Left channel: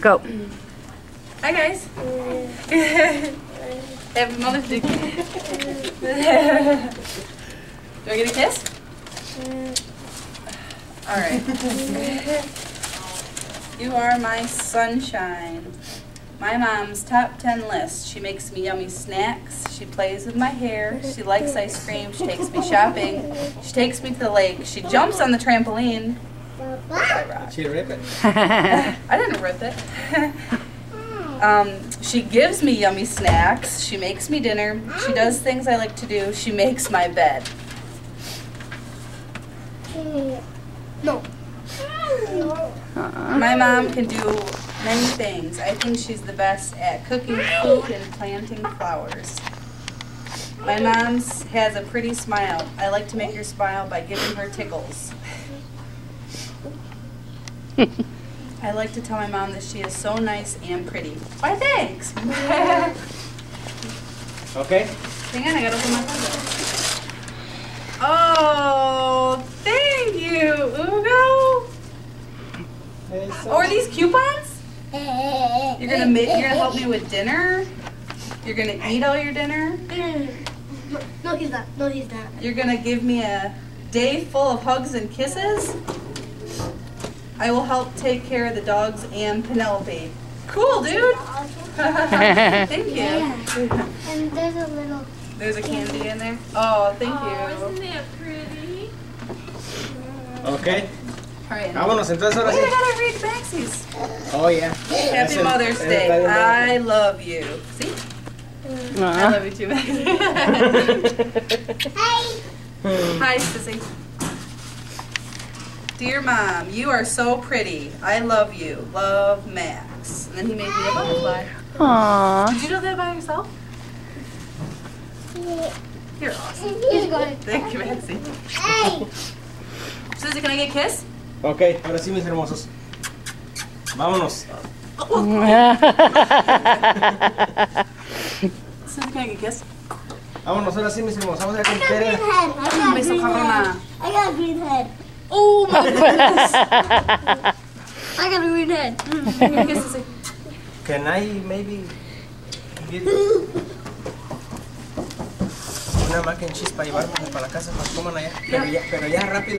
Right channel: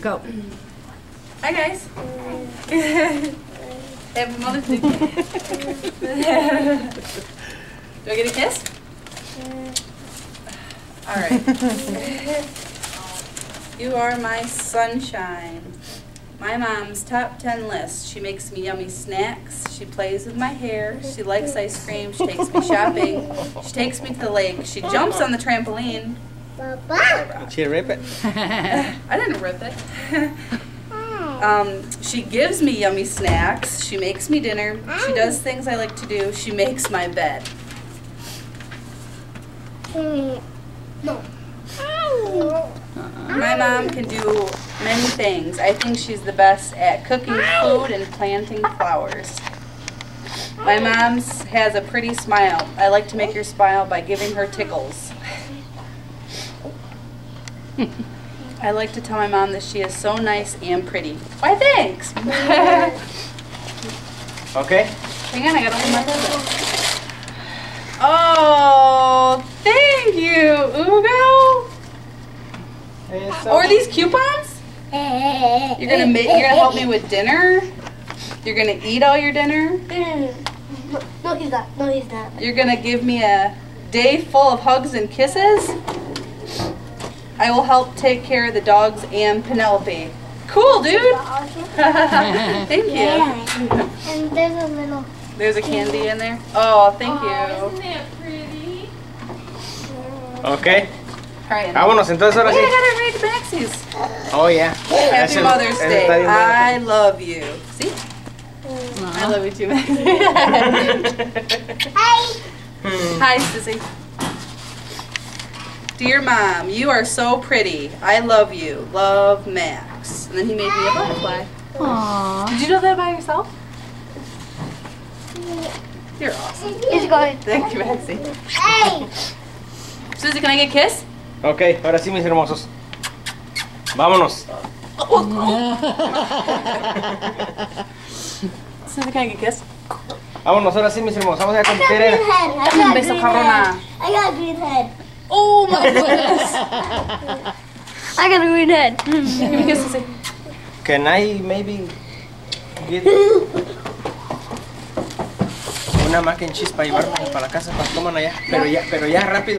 Go. Hi guys. Happy Mother's Day. Do I get a kiss? All right. You are my sunshine. My mom's top 10 list. She makes me yummy snacks. She plays with my hair. She likes ice cream. She takes me shopping. She takes me to the lake. She jumps on the trampoline. Did she rip it? I didn't rip it. She gives me yummy snacks. She makes me dinner. She does things I like to do. She makes my bed. No. My mom can do many things. I think she's the best at cooking food and planting flowers. My mom has a pretty smile. I like to make her smile by giving her tickles. I like to tell my mom that she is so nice and pretty. Why, thanks. Okay. Hang on, I gotta open my present. Oh, thank you, Ugo. Oh, are these coupons? You're gonna help me with dinner? You're gonna eat all your dinner? No, he's not. No, he's not. You're gonna give me a day full of hugs and kisses? I will help take care of the dogs and Penelope. Cool, dude. Thank you. Yeah. And there's a little. There's a candy in there. Oh, thank you. Isn't that pretty? Okay. All right. Vámonos entonces ahora Wait, I sí. gotta read the backsies. Oh, yeah. Happy Ese- Mother's ese Day. está bien bueno. I love you. See? I love you too, Maxie. Hey. Hi, Sissy. Dear Mom, you are so pretty. I love you. Love, Max. And then he made me a butterfly. Aww. Did you know that by yourself? You're awesome. He's going. Thank you, Maxie. Hey. Susie, can I get a kiss? Ok, ahora sí, mis hermosos. Vámonos. Susie, can I get a kiss? Vámonos, ahora sí, mis hermosos. Vamos a I got competir. green head. I got Beso, green Corona. head. I got green head. Oh my goodness. I got a green head. Give me a kiss, Susie. Can I maybe get una mac and cheese para llevarme para la casa, para que coman allá? Pero ya rápido.